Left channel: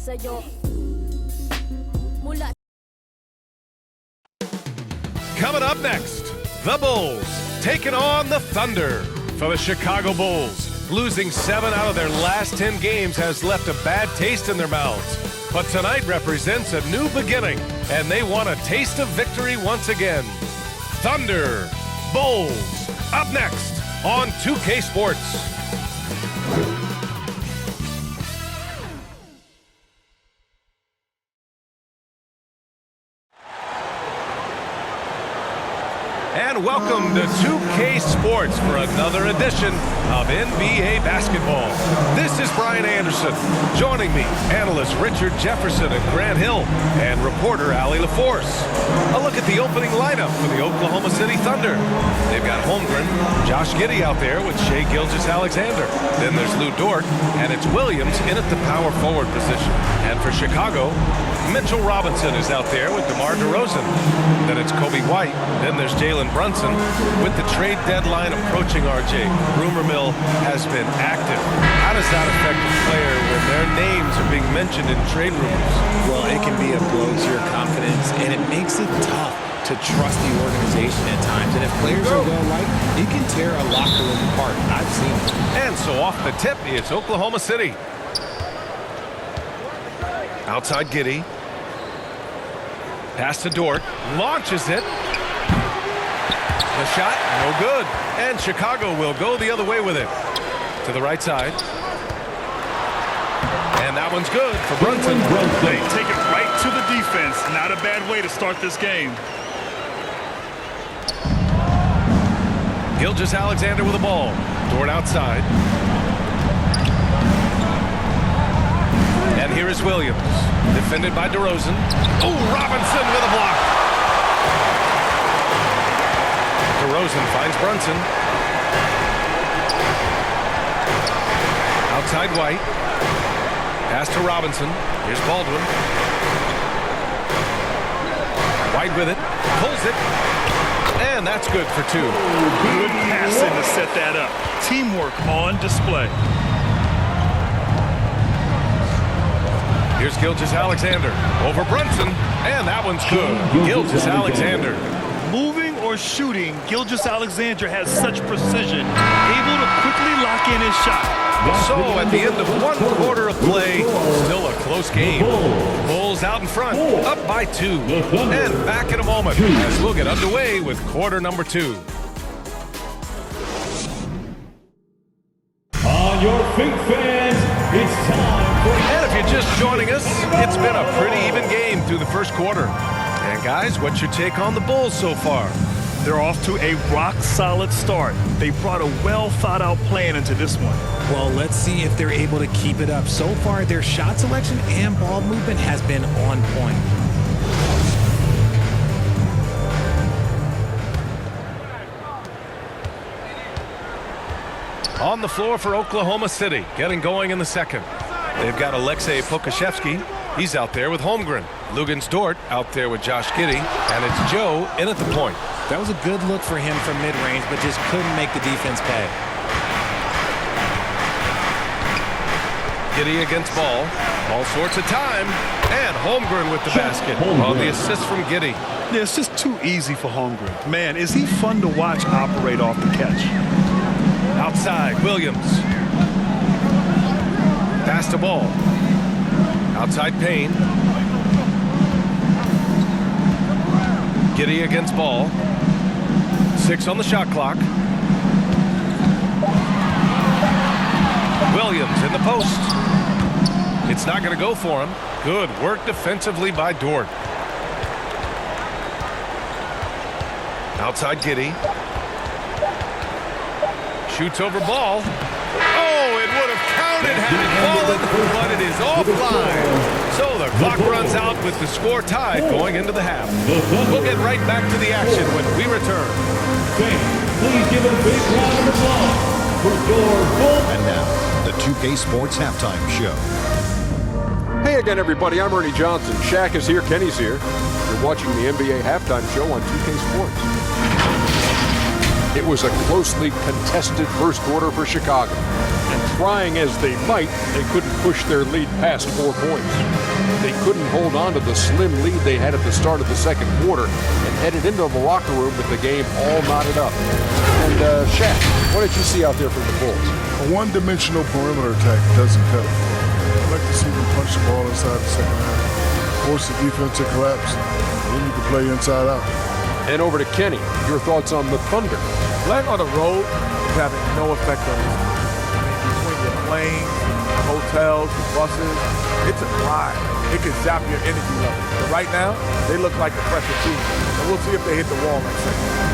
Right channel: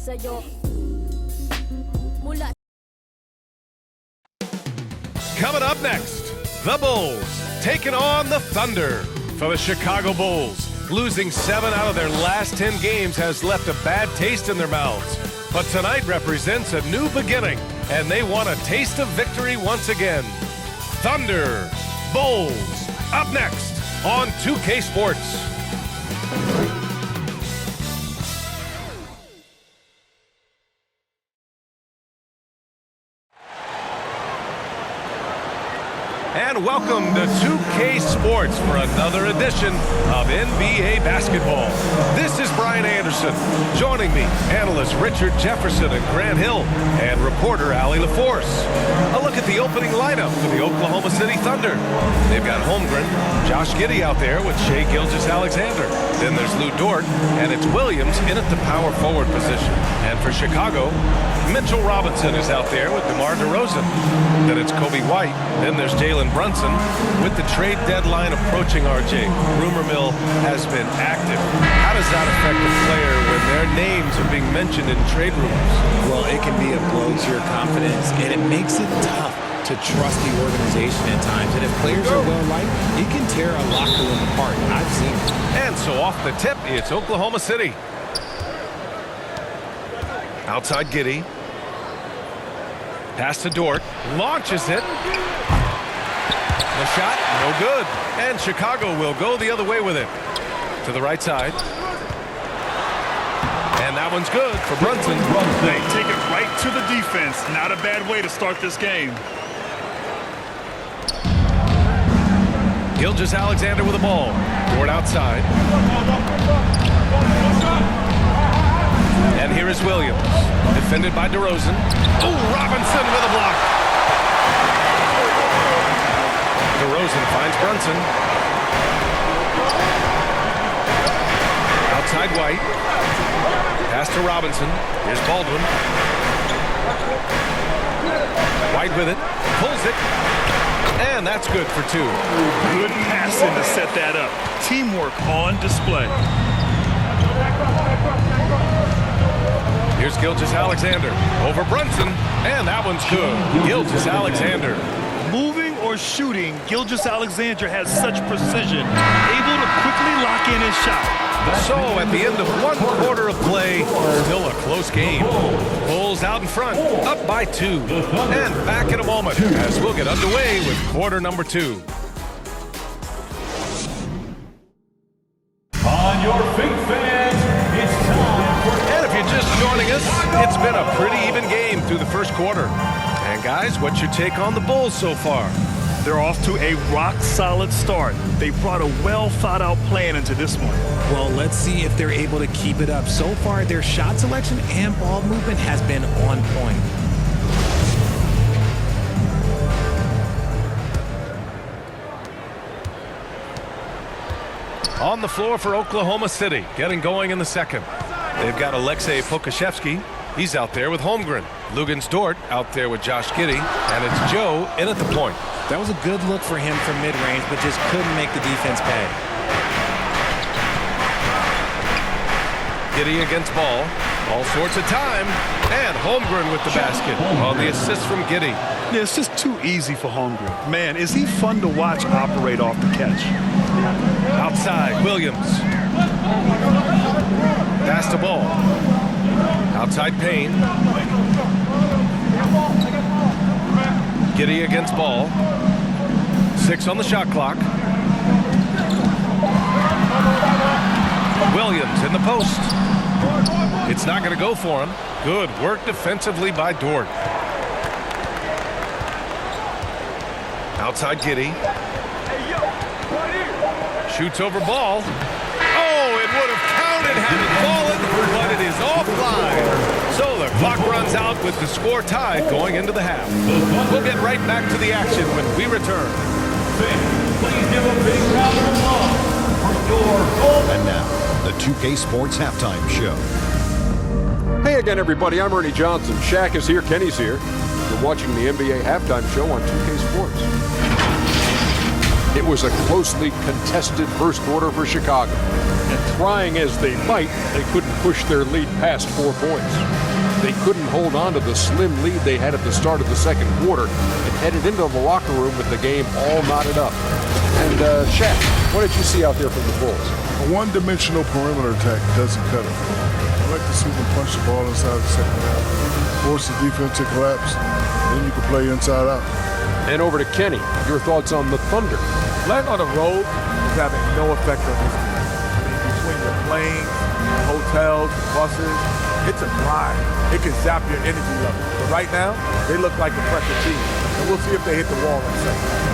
sa'yo. Coming up next, the Bulls taking on the Thunder. For the Chicago Bulls, losing 7 out of their last 10 games has left a bad taste in their mouths. But tonight represents a new beginning, and they want a taste of victory once again. Thunder, Bulls, up next on 2K Sports. And welcome to 2K Sports for another edition of NBA basketball. This is Brian Anderson. Joining me, analysts Richard Jefferson and Grant Hill, and reporter Allie LaForce. A look at the opening lineup for the Oklahoma City Thunder. They've got Holmgren, Josh Giddey out there with Shai Gilgeous-Alexander. Then there's Lou Dort, and it's Williams in at the power forward position. And for Chicago, Mitchell Robinson is out there with DeMar DeRozan. Then it's Kobe White. Then there's Jalen Brunson. With the trade deadline approaching, RJ, rumor mill has been active. How does that affect a player when their names are being mentioned in trade rumors? Well, it can be a blow to your confidence, and it makes it tough to trust the organization at times. And if players are well-liked, it can tear a locker room apart. I've seen it. And so off the tip, it's Oklahoma City. Outside Giddey. Pass to Dort. Launches it. The shot, no good. And Chicago will go the other way with it. To the right side. And that one's good for Brunson. They take it right to the defense. Not a bad way to start this game. Gilgeous-Alexander with the ball. Dort outside. And here is Williams. Defended by DeRozan. Oh, Robinson with a block. DeRozan finds Brunson. Outside White. Pass to Robinson. Here's Baldwin. White with it. Pulls it. And that's good for 2. Good passing to set that up. Teamwork on display. Here's Gilgeous-Alexander over Brunson, and that one's good. Gilgeous-Alexander. Moving or shooting, Gilgeous-Alexander has such precision, able to quickly lock in his shot. So at the end of 1 quarter of play, still a close game. Bulls out in front, up by 2. And back in a moment as we'll get underway with quarter number 2. On your feet, fans, it's time for... And if you're just joining us, it's been a pretty even game through the first quarter. And guys, what's your take on the Bulls so far? They're off to a rock-solid start. They brought a well-thought-out plan into this one. Well, let's see if they're able to keep it up. So far, their shot selection and ball movement has been on point. On the floor for Oklahoma City, getting going in the second. They've got Aleksej Pokusevski. He's out there with Holmgren. Luguentz Dort out there with Josh Giddey. And it's Joe in at the point. That was a good look for him from mid-range, but just couldn't make the defense pay. Giddey against Ball. All sorts of time. And Holmgren with the basket. Well, the assist from Giddey. Yeah, it's just too easy for Holmgren. Man, is he fun to watch operate off the catch. Outside, Williams. Pass to Ball. Outside Payne. Giddey against Ball. 6 on the shot clock. Williams in the post. It's not going to go for him. Good work defensively by Dort. Outside Giddey. Shoots over Ball. Oh, it would have counted had it fallen, but it is offline. So the clock runs out with the score tied going into the half. We'll get right back to the action when we return. Fans, please give a big round of applause for your Bull. And now, the 2K Sports Halftime Show. Hey again, everybody. I'm Ernie Johnson. Shaq is here. Kenny's here. You're watching the NBA Halftime Show on 2K Sports. It was a closely contested first quarter for Chicago. And trying as they might, they couldn't push their lead past 4 points. They couldn't hold on to the slim lead they had at the start of the second quarter and headed into the locker room with the game all knotted up. And Shaq, what did you see out there from the Bulls? A one-dimensional perimeter attack doesn't cut it for them. I like to see them punch the ball inside the second half, force the defense to collapse, and then you can play inside out. And over to Kenny, your thoughts on the Thunder? Playing on the road is having no effect on this team. I mean, between your planes, your hotels, your buses, it's a grind. It can zap your energy level. But right now, they look like a fresher team. And we'll see if they hit the wall in second half.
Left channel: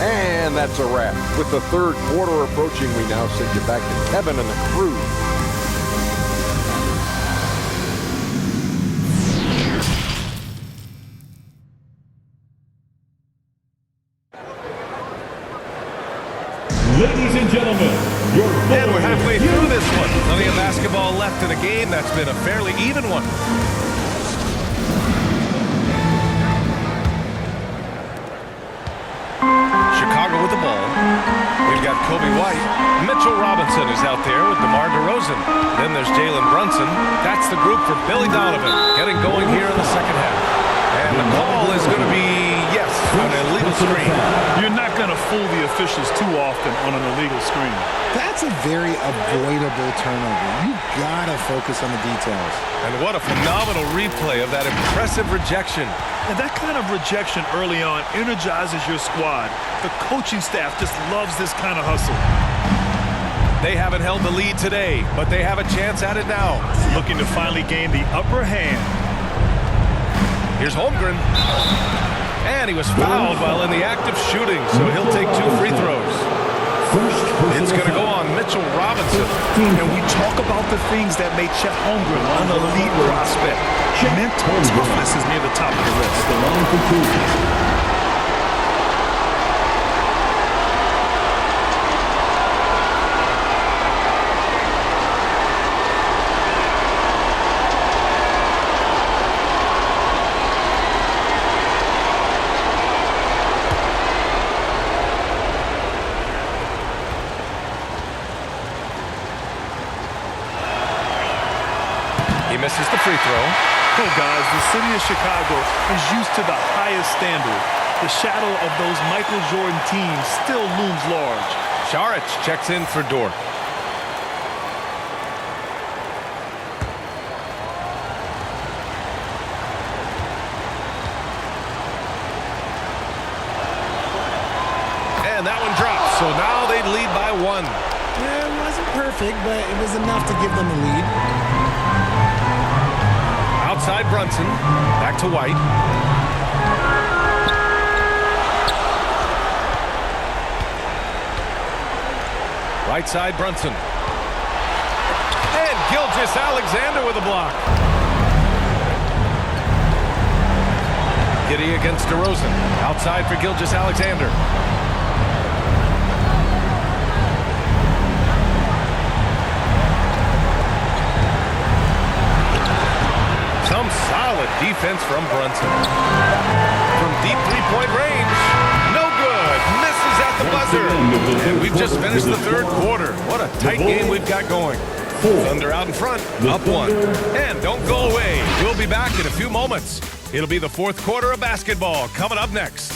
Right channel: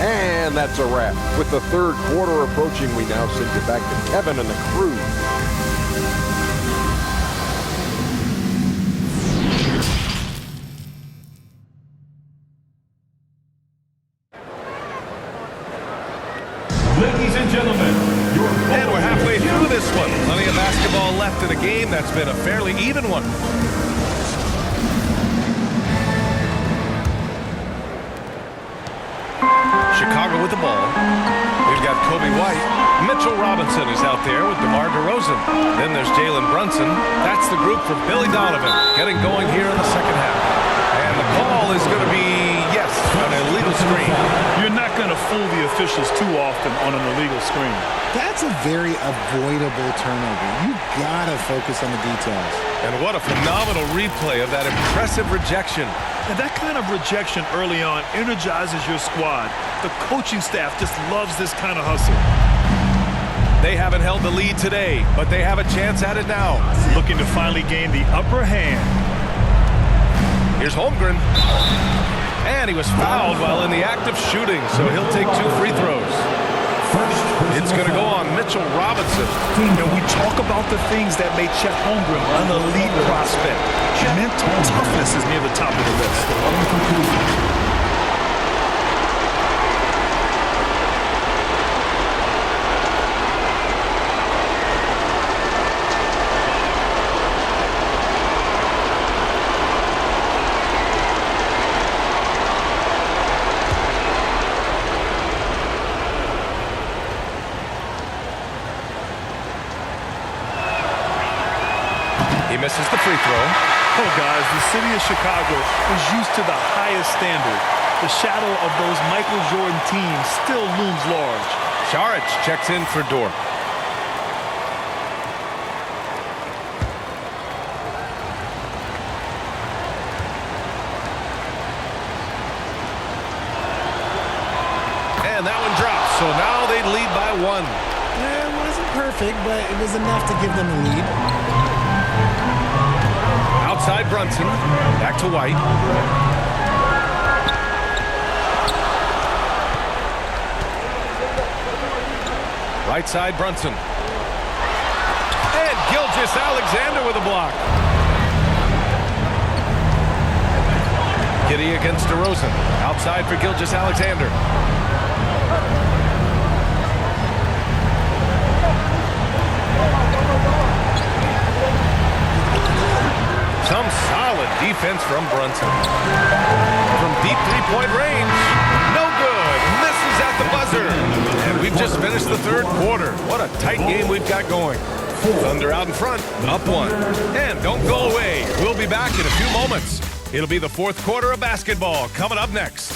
And that's a wrap. With the third quarter approaching, we now send you back to Kevin and the crew. Ladies and gentlemen, your And we're halfway through this one. Plenty of basketball left in a game that's been a fairly even one. Chicago with the ball. We've got Kobe White. Mitchell Robinson is out there with DeMar DeRozan. Then there's Jalen Brunson. That's the group for Billy Donovan getting going here in the second half. And the call is going to be, yes, an illegal screen. You're not going to fool the officials too often on an illegal screen. That's a very avoidable turnover. You gotta focus on the details. And what a phenomenal replay of that impressive rejection. And that kind of rejection early on energizes your squad. The coaching staff just loves this kind of hustle. They haven't held the lead today, but they have a chance at it now. Looking to finally gain the upper hand. Here's Holmgren. And he was fouled while in the act of shooting, so he'll take 2 free throws. It's going to go on Mitchell Robinson. And we talk about the things that made Chet Holmgren an elite prospect. Mental toughness is near the top of the list. At the line for 2. He misses the free throw. Oh, guys, the city of Chicago is used to the highest standard. The shadow of those Michael Jordan teams still looms large. Šarić checks in for Dort. And that one drops, so now they lead by 1. It wasn't perfect, but it was enough to give them the lead. Outside Brunson, back to White. Right side Brunson. And Gilgeous-Alexander with a block. Giddey against DeRozan. Outside for Gilgeous-Alexander. Some solid defense from Brunson. From deep three-point range. No good. Misses at the buzzer. And we've just finished the third quarter. What a tight game we've got going. Thunder out in front, up 1. And don't go away. We'll be back in a few moments. It'll be the fourth quarter of basketball coming up next.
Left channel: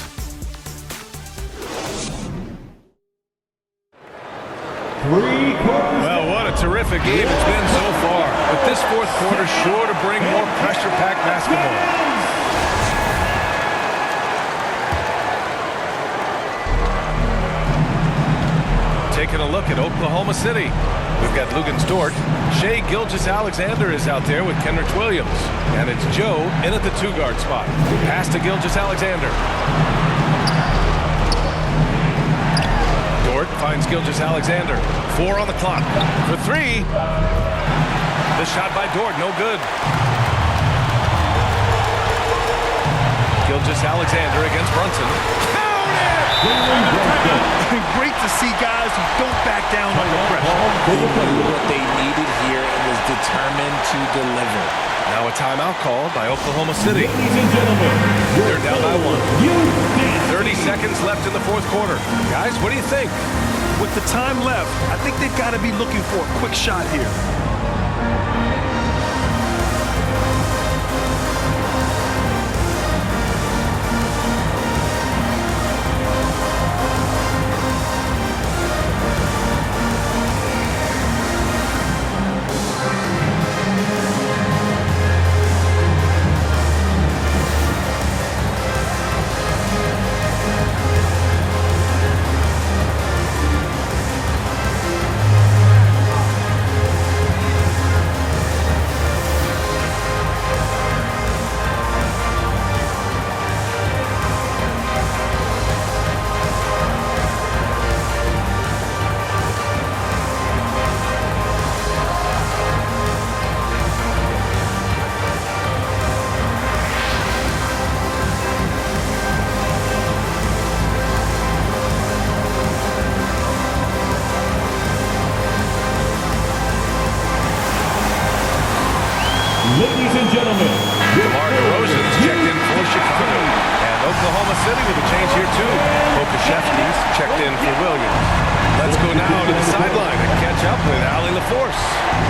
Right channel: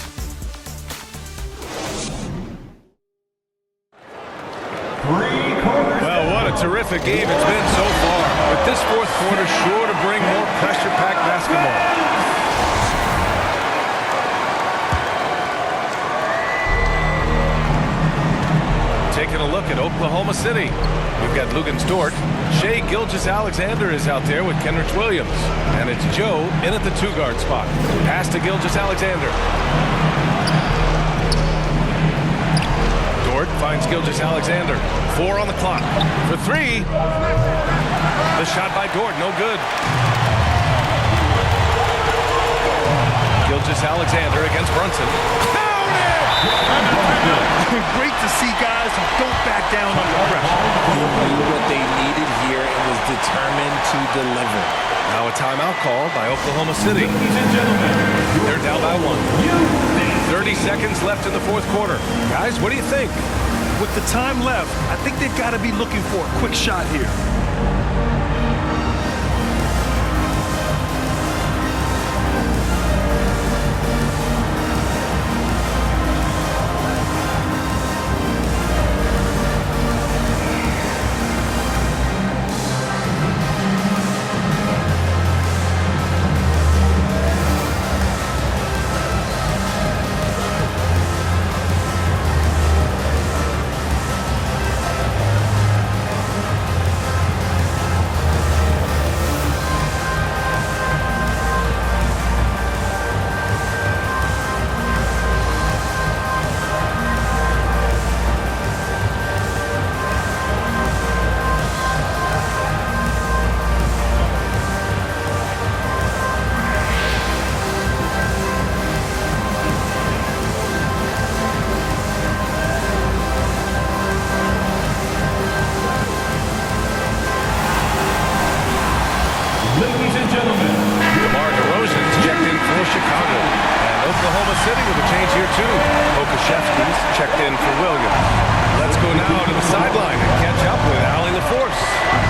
Well, what a terrific game it's been so far. With this fourth quarter sure to bring more pressure-packed basketball. Taking a look at Oklahoma City. We've got Luguentz Dort. Shai Gilgeous-Alexander is out there with Kenrich Williams. And it's Joe in at the 2-guard spot. Pass to Gilgeous-Alexander. Dort finds Gilgeous-Alexander. 4 on the clock. For 3. The shot by Dort, no good. Gilgeous-Alexander against Brunson. Great to see guys who don't back down under pressure. They knew what they needed here and was determined to deliver. Now a timeout called by Oklahoma City. Ladies and gentlemen, They're down by 1. you 30 seconds left in the fourth quarter. Guys, what do you think? With the time left, I think they've got to be looking for a quick shot here. Ladies and gentlemen, DeMar DeRozan's checked in for Chicago. And Oklahoma City with a change here, too. Pokashevsky's checked in for Williams. Let's go now to the sideline and catch up with Allie LaForce.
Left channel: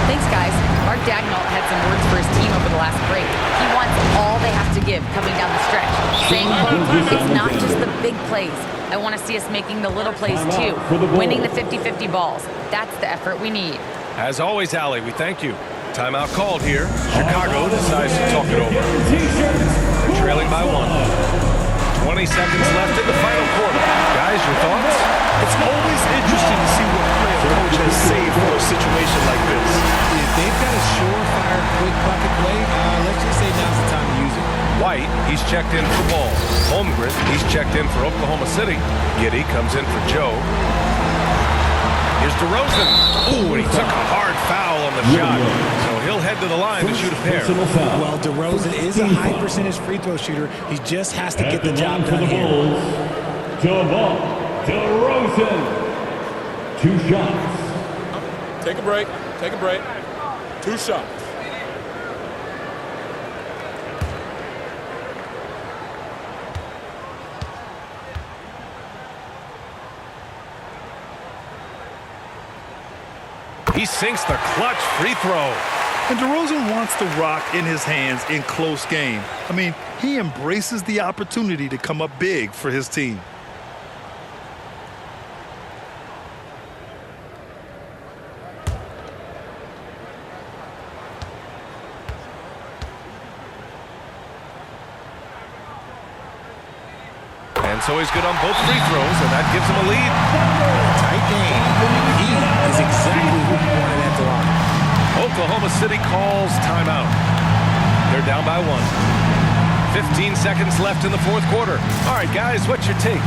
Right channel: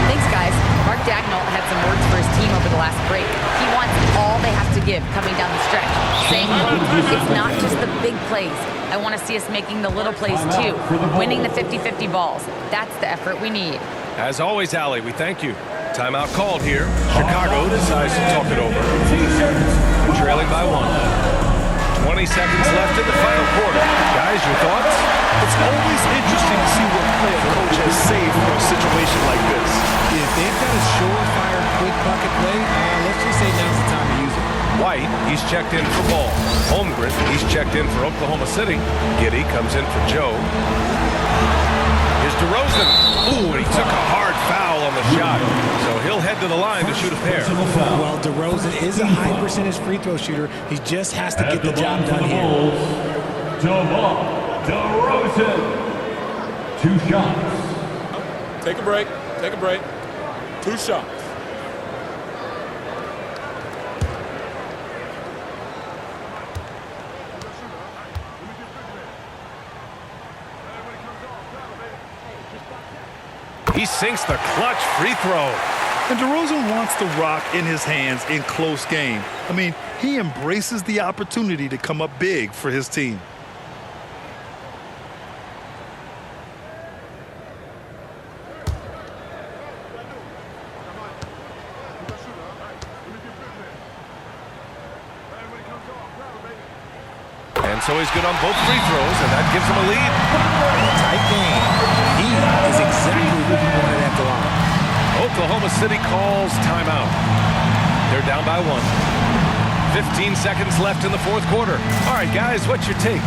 Thanks, guys. Mark Dagnall had some words for his team over the last break. He wants all they have to give coming down the stretch. Saying, quote, it's not just the big plays. I want to see us making the little plays, too. Winning the 50-50 balls. That's the effort we need. As always, Allie, we thank you. Timeout called here. Chicago decides to talk it over. They're trailing by 1. 20 seconds left in the final quarter. Guys, your thoughts? It's always interesting to see what play a coach has saved for a situation like this. If they've got a surefire quick bucket play, let's just say now's the time to use it. White, he's checked in for Ball. Holmgren, he's checked in for Oklahoma City. Giddy comes in for Joe. Here's DeRozan. Ooh, and he took a hard foul on the shot. So he'll head to the line to shoot a pair. Well, DeRozan is a high percentage free throw shooter. He just has to get the job done here. DeMar DeRozan. 2 shots. Take a break. Take a break. 2 shots. He sinks the clutch free throw. And DeRozan wants the rock in his hands in close game. I mean, he embraces the opportunity to come up big for his team. And so he's good on both free throws, and that gives him a lead. Tight game. He is exactly who he wanted at the line. Oklahoma City calls timeout. They're down by 1. 15 seconds left in the 4th quarter. All right, guys, what's your take?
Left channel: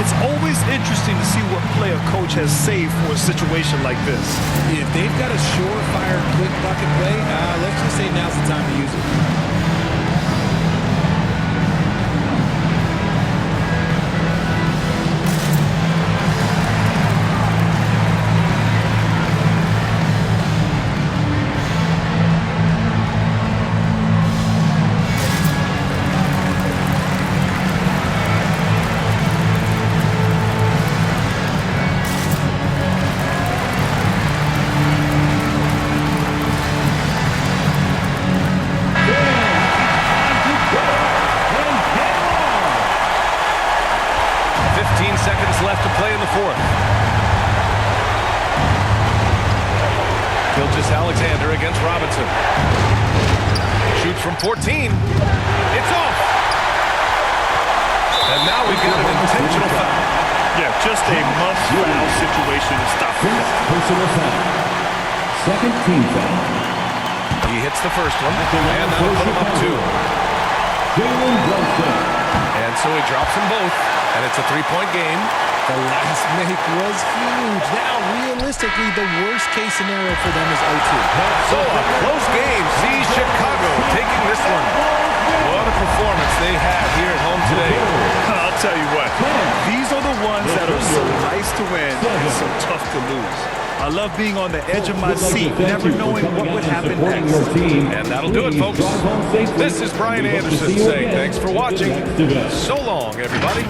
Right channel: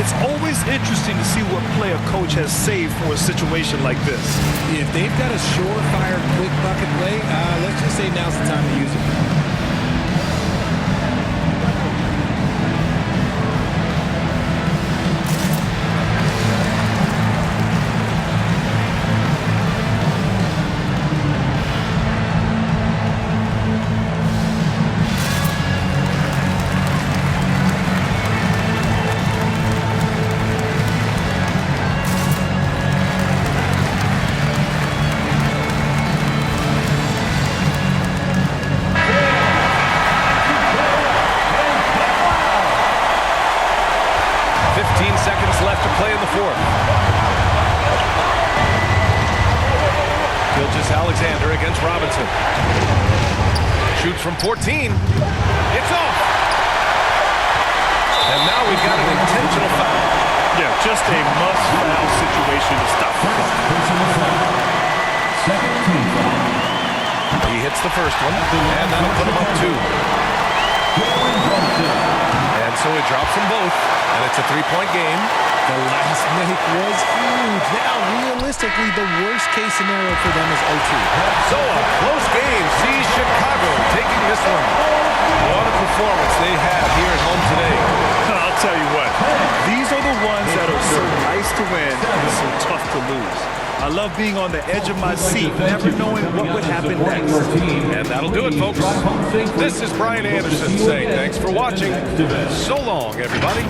It's always interesting to see what play a coach has saved for a situation like this. If they've got a surefire quick bucket play, let's just say now's the time to use it. Seconds left to play in the 4th. Gilgeous-Alexander against Robinson. Shoots from 14. It's off. And now we've got an intentional foul. Yeah, just a must-foul situation to stop the clock. Personal foul. Second team foul. He hits the first one, and that'll put him up 2. And so he drops them both. And it's a 3-point game. The last make was huge. Now, realistically, the worst-case scenario for them is OT. So a close game sees Chicago taking this one. What a performance they have here at home today. I'll tell you what, these are the ones that are so nice to win and so tough to lose. I love being on the edge of my seat, never knowing what would happen next. And that'll do it, folks. This is Brian Anderson saying thanks for watching. So long, everybody.